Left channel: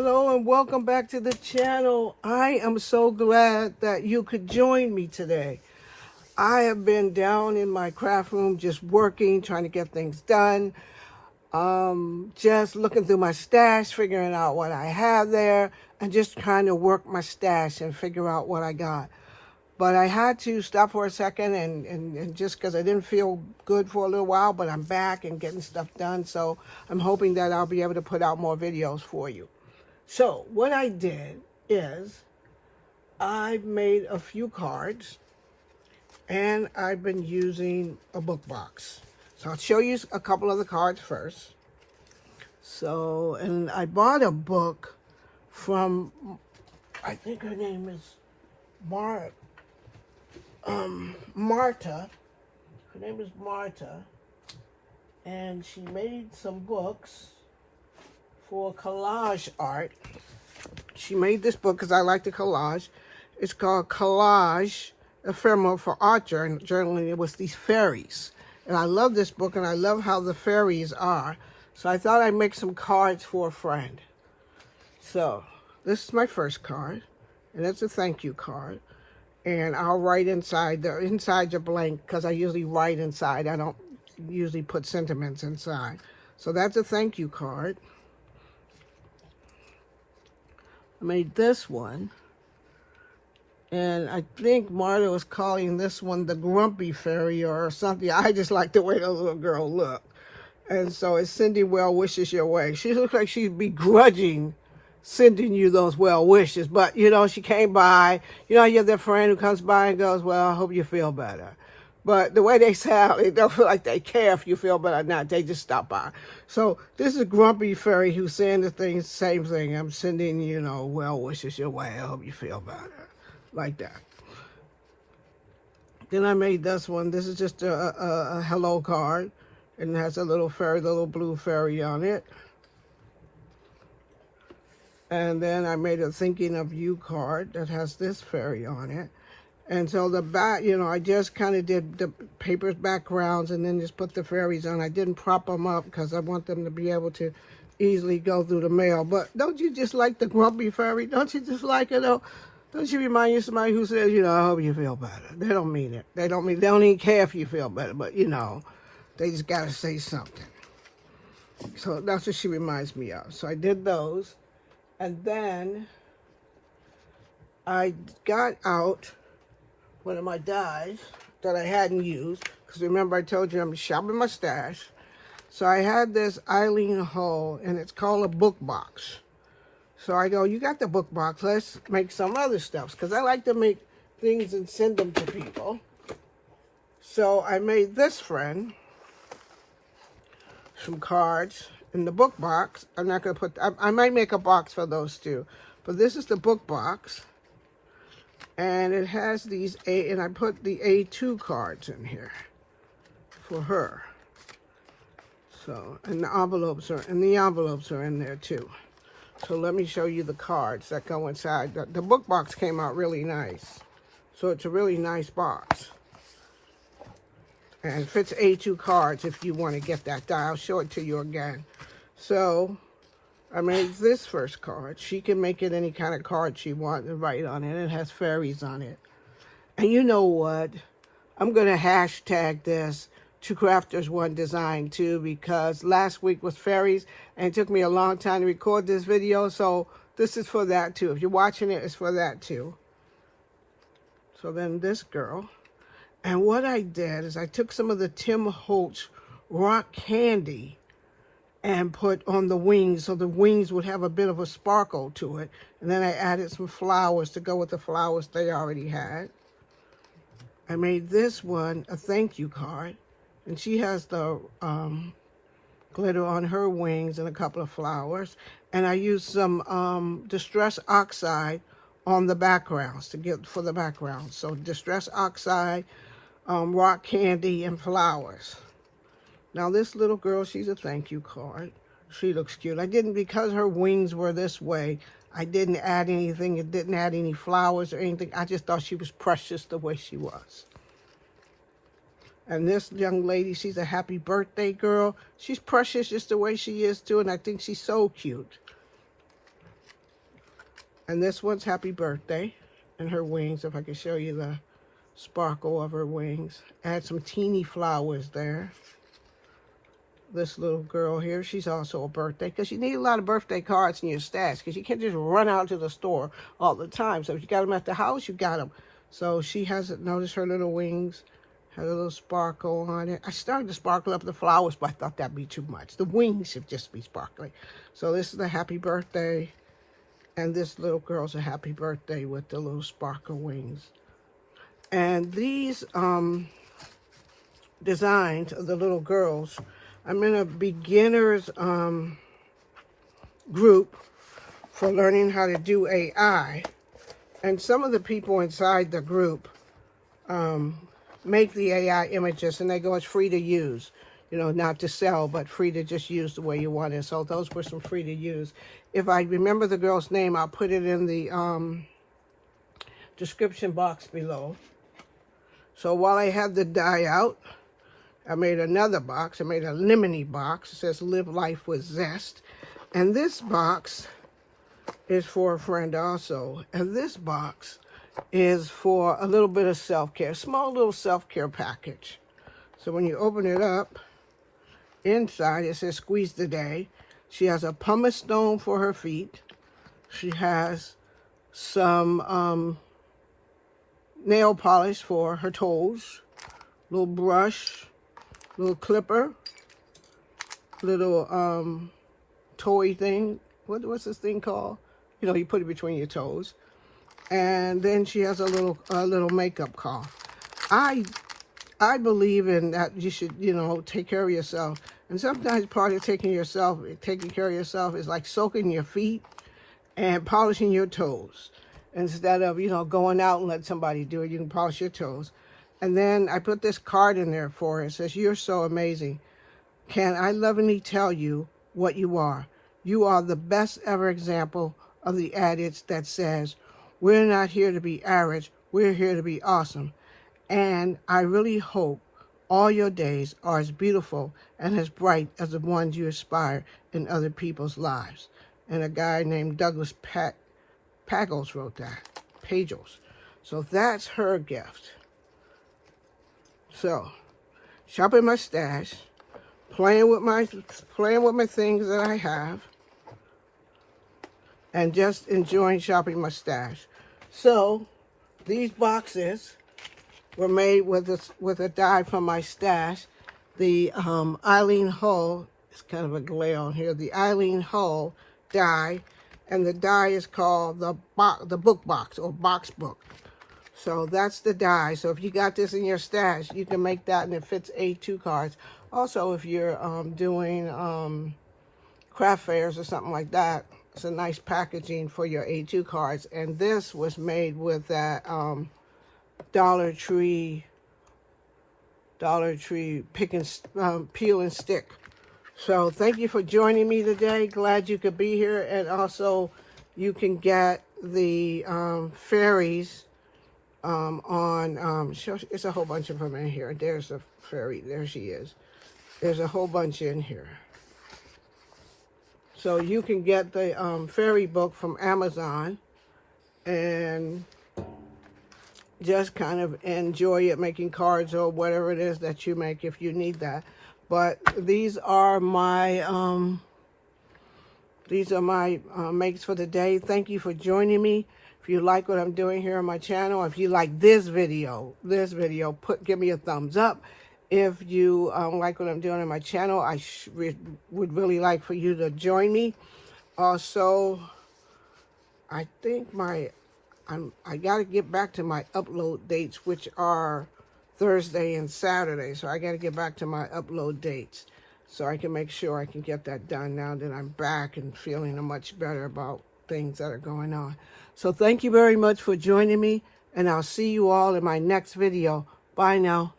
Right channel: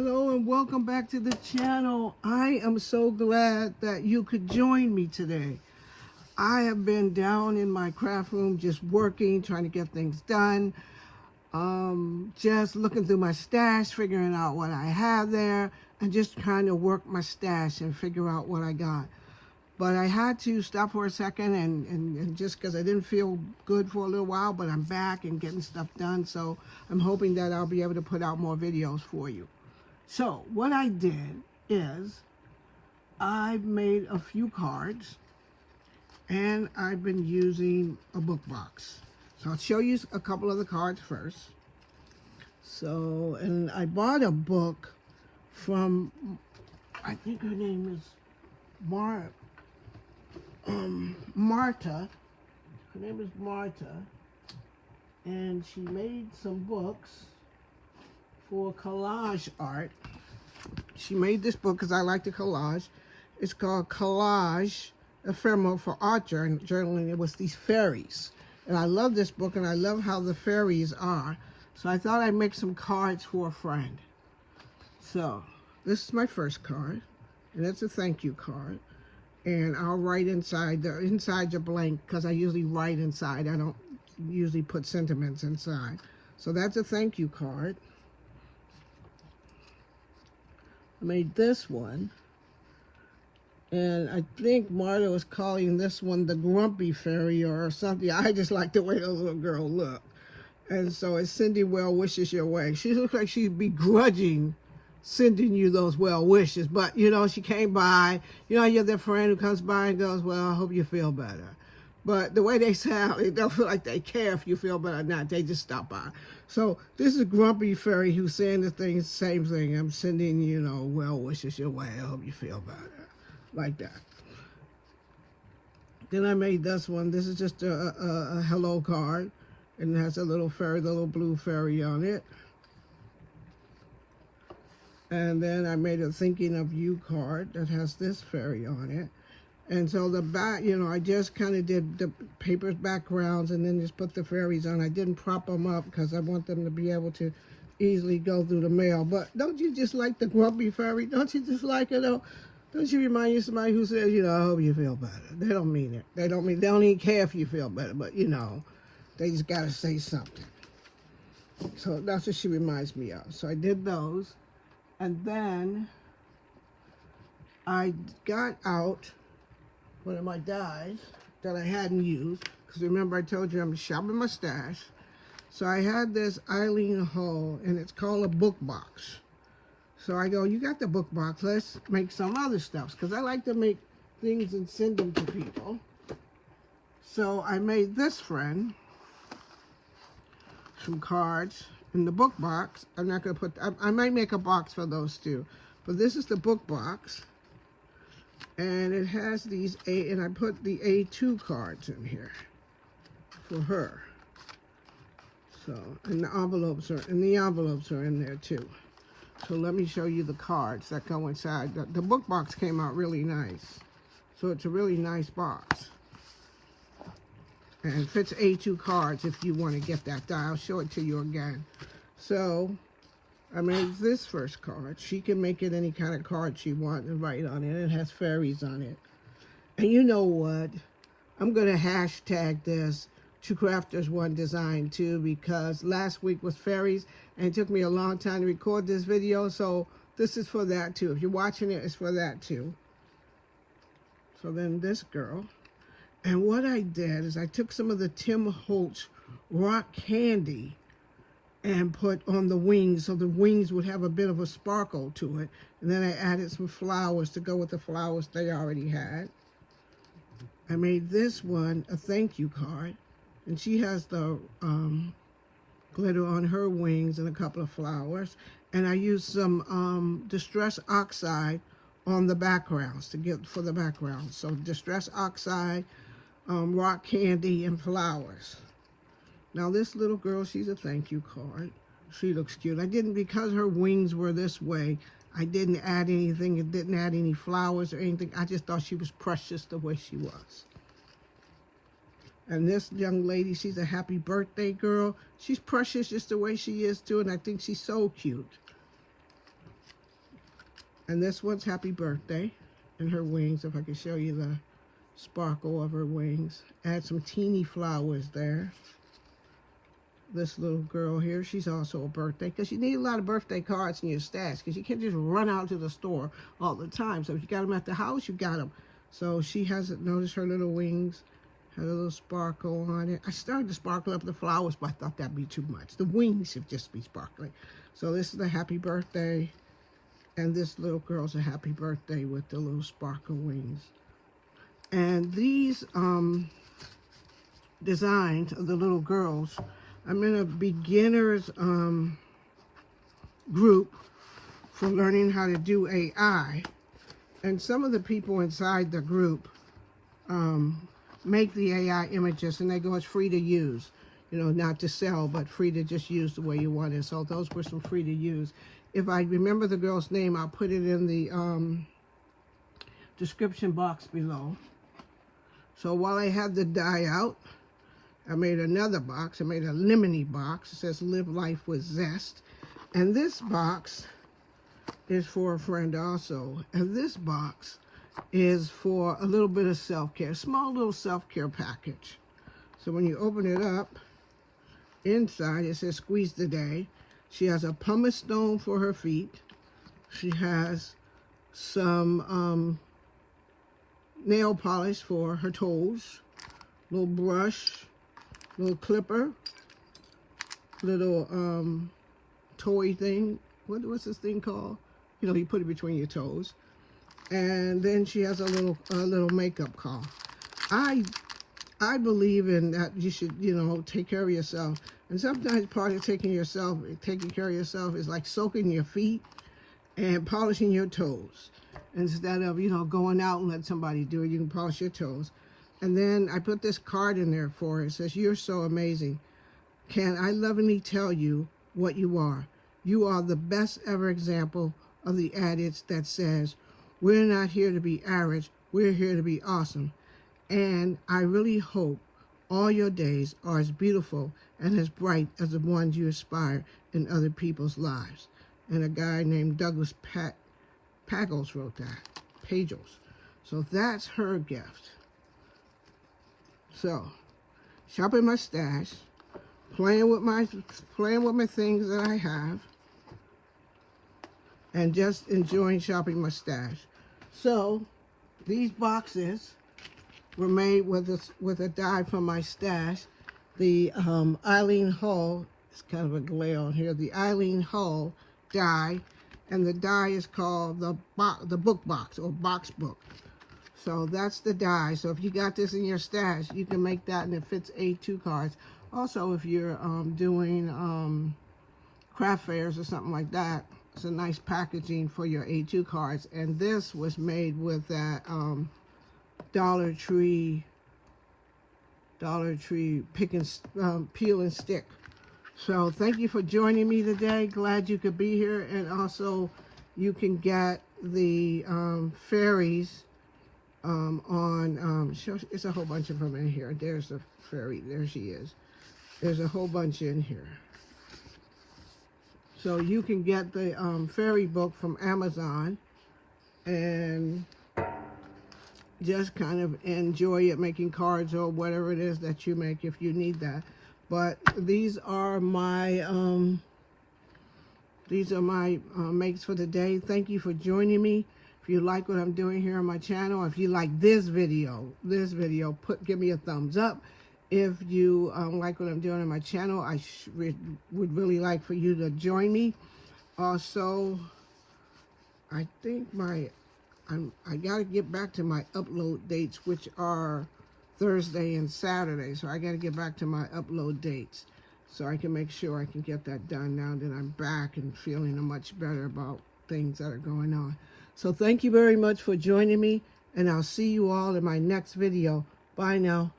Hello and welcome back to the channel. I am so glad that you could join me today. I have been down in my craft room just working, trying to get things done. Just looking through my stash, figuring out what I have there, and just trying to work my stash and figure out what I got. But I had to stop for a second and just because I didn't feel good for a little while, but I'm back and getting stuff done. So I'm hoping that I'll be able to put out more videos for you. So what I did is I made a few cards and I've been using a book box. So I'll show you a couple of the cards first. So, and I bought a book from, I think her name is Marta. Her name is Marta. And she made some books for collage art. She made this book because I like the collage. It's called Collage Ephemeral for Art Journaling. It was these fairies. And I love this book and I love how the fairies are. So I thought I'd make some cards for a friend. So this is my first card. And it's a thank you card. And I'll write inside the blank because I usually write inside. I don't usually put sentiments inside. So that's a thank you card. I made this one, and I think Marta was calling this one the grumpy fairy or something. I just like the way the little girl looked. And so it's sending well wishes your way. She looks like she's begrudging sending you those well wishes, but you know, she came by. You know, you have that friend who comes by and goes, well, I hope you feel better. But the way they sound, it don't feel like they care if you feel better or not. They just stop by. So this is a grumpy fairy who's saying the same thing. I'm sending, you know, well wishes your way. I hope you feel better. Like that. Then I made this one. This is just a hello card. And it has a little fairy, the little blue fairy on it. And then I made a thinking of you card that has this fairy on it. And so the back, you know, I just kind of did the paper's backgrounds and then just put the fairies on. I didn't prop them up because I want them to be able to easily go through the mail. But don't you just like the grumpy fairy? Don't you just like it? Don't you remind you of somebody who says, you know, I hope you feel better? They don't mean it. They don't even care if you feel better. But, you know, they just got to say something. So that's what she reminds me of. So I did those. And then I got out one of my dies that I hadn't used, because remember I told you I'm shopping my stash. So I had this Eileen Hull, and it's called a book box. So I go, you got the book box, let's make some other stuff, because I like to make things and send them to people. So I made this friend some cards in the book box. I'm not going to put, I might make a box for those too, but this is the book box. And it has these and I put the A2 cards in here for her. So, and the envelopes are in there too. So let me show you the cards that go inside. The book box came out really nice. So it's a really nice box. And it fits A2 cards if you want to get that die. I'll show it to you again. So I made this first card. She can make it any kind of card she wants and write on it. It has fairies on it. And you know what? I'm going to hashtag this Two Crafters One Design too, because last week was fairies and it took me a long time to record this video. So this is for that too. If you're watching it, it's for that too. So then this girl. And what I did is I took some of the Tim Holtz rock candy and put on the wings, so the wings would have a bit of a sparkle to it. And then I added some flowers to go with the flowers they already had. I made this one a thank you card, and she has the glitter on her wings and a couple of flowers. And I used some Distress Oxide on the backgrounds to get for the background. So Distress Oxide, rock candy, and flowers. Now this little girl, she's a thank you card. She looks cute. I didn't, because her wings were this way, I didn't add anything. It didn't add any flowers or anything. I just thought she was precious the way she was. And this young lady, she's a happy birthday girl. She's precious just the way she is too, and I think she's so cute. And this one's Happy Birthday. And her wings, if I can show you the sparkle of her wings. Add some teeny flowers there. This little girl here, she's also a birthday, because you need a lot of birthday cards in your stash, because you can't just run out to the store all the time. So if you got them at the house, you got them. So she hasn't noticed her little wings, had a little sparkle on it. I started to sparkle up the flowers, but I thought that'd be too much. The wings should just be sparkling. So this is the happy birthday, and this little girl's a happy birthday with the little sparkle wings. And these designs of the little girls, I'm in a beginner's group for learning how to do AI. And some of the people inside the group make the AI images, and they go, it's free to use. You know, not to sell, but free to just use the way you want it. So those were some free to use. If I remember the girl's name, I'll put it in the description box below. So while I had the die out, I made another box. I made a lemony box. It says Live Life with Zest. And this box is for a friend also. And this box is for a little bit of self-care, small little self-care package. So when you open it up, inside it says Squeeze the Day. She has a pumice stone for her feet. She has some nail polish for her toes, little brush, little clipper, little toy thing. What's this thing called? You know, you put it between your toes. And then she has a little makeup cloth. I believe in that you should, you know, take care of yourself. And sometimes part of taking care of yourself is like soaking your feet and polishing your toes. Instead of, you know, going out and let somebody do it, you can polish your toes. And then I put this card in there for her. It says, you're so amazing. Can I lovingly tell you what you are? You are the best ever example of the adage that says, we're not here to be average, we're here to be awesome. And I really hope all your days are as beautiful and as bright as the ones you aspire in other people's lives. And a guy named Douglas Pagels wrote that, Pagels. So that's her gift. So, shopping my stash, playing with my things that I have, and just enjoying shopping my stash. So, these boxes were made with a die from my stash. The Eileen Hull, it's kind of a glare on here, the Eileen Hull die, and the die is called the book box, or box book. So that's the die. So if you got this in your stash, you can make that, and it fits A2 cards. Also, if you're doing craft fairs or something like that, it's a nice packaging for your A2 cards. And this was made with that Dollar Tree pick and peel and stick. So thank you for joining me today. Glad you could be here. And also, you can get the Fairies on it's a whole bunch of them in here. There's a fairy. There she is. There's a whole bunch in here. So you can get the fairy book from Amazon and just kind of enjoy it, making cards or whatever it is that you make if you need that. But these are my makes for the day. Thank you for joining me. If you like what I'm doing here on my channel, if you like this video, give me a thumbs up. If you like what I'm doing on my channel, I would really like for you to join me. Also, I think I got to get back to my upload dates, which are Thursday and Saturday. So I got to get back to my upload dates so I can make sure I can get that done now that I'm back and feeling much better about things that are going on. So thank you very much for joining me, and I'll see you all in my next video. Bye now.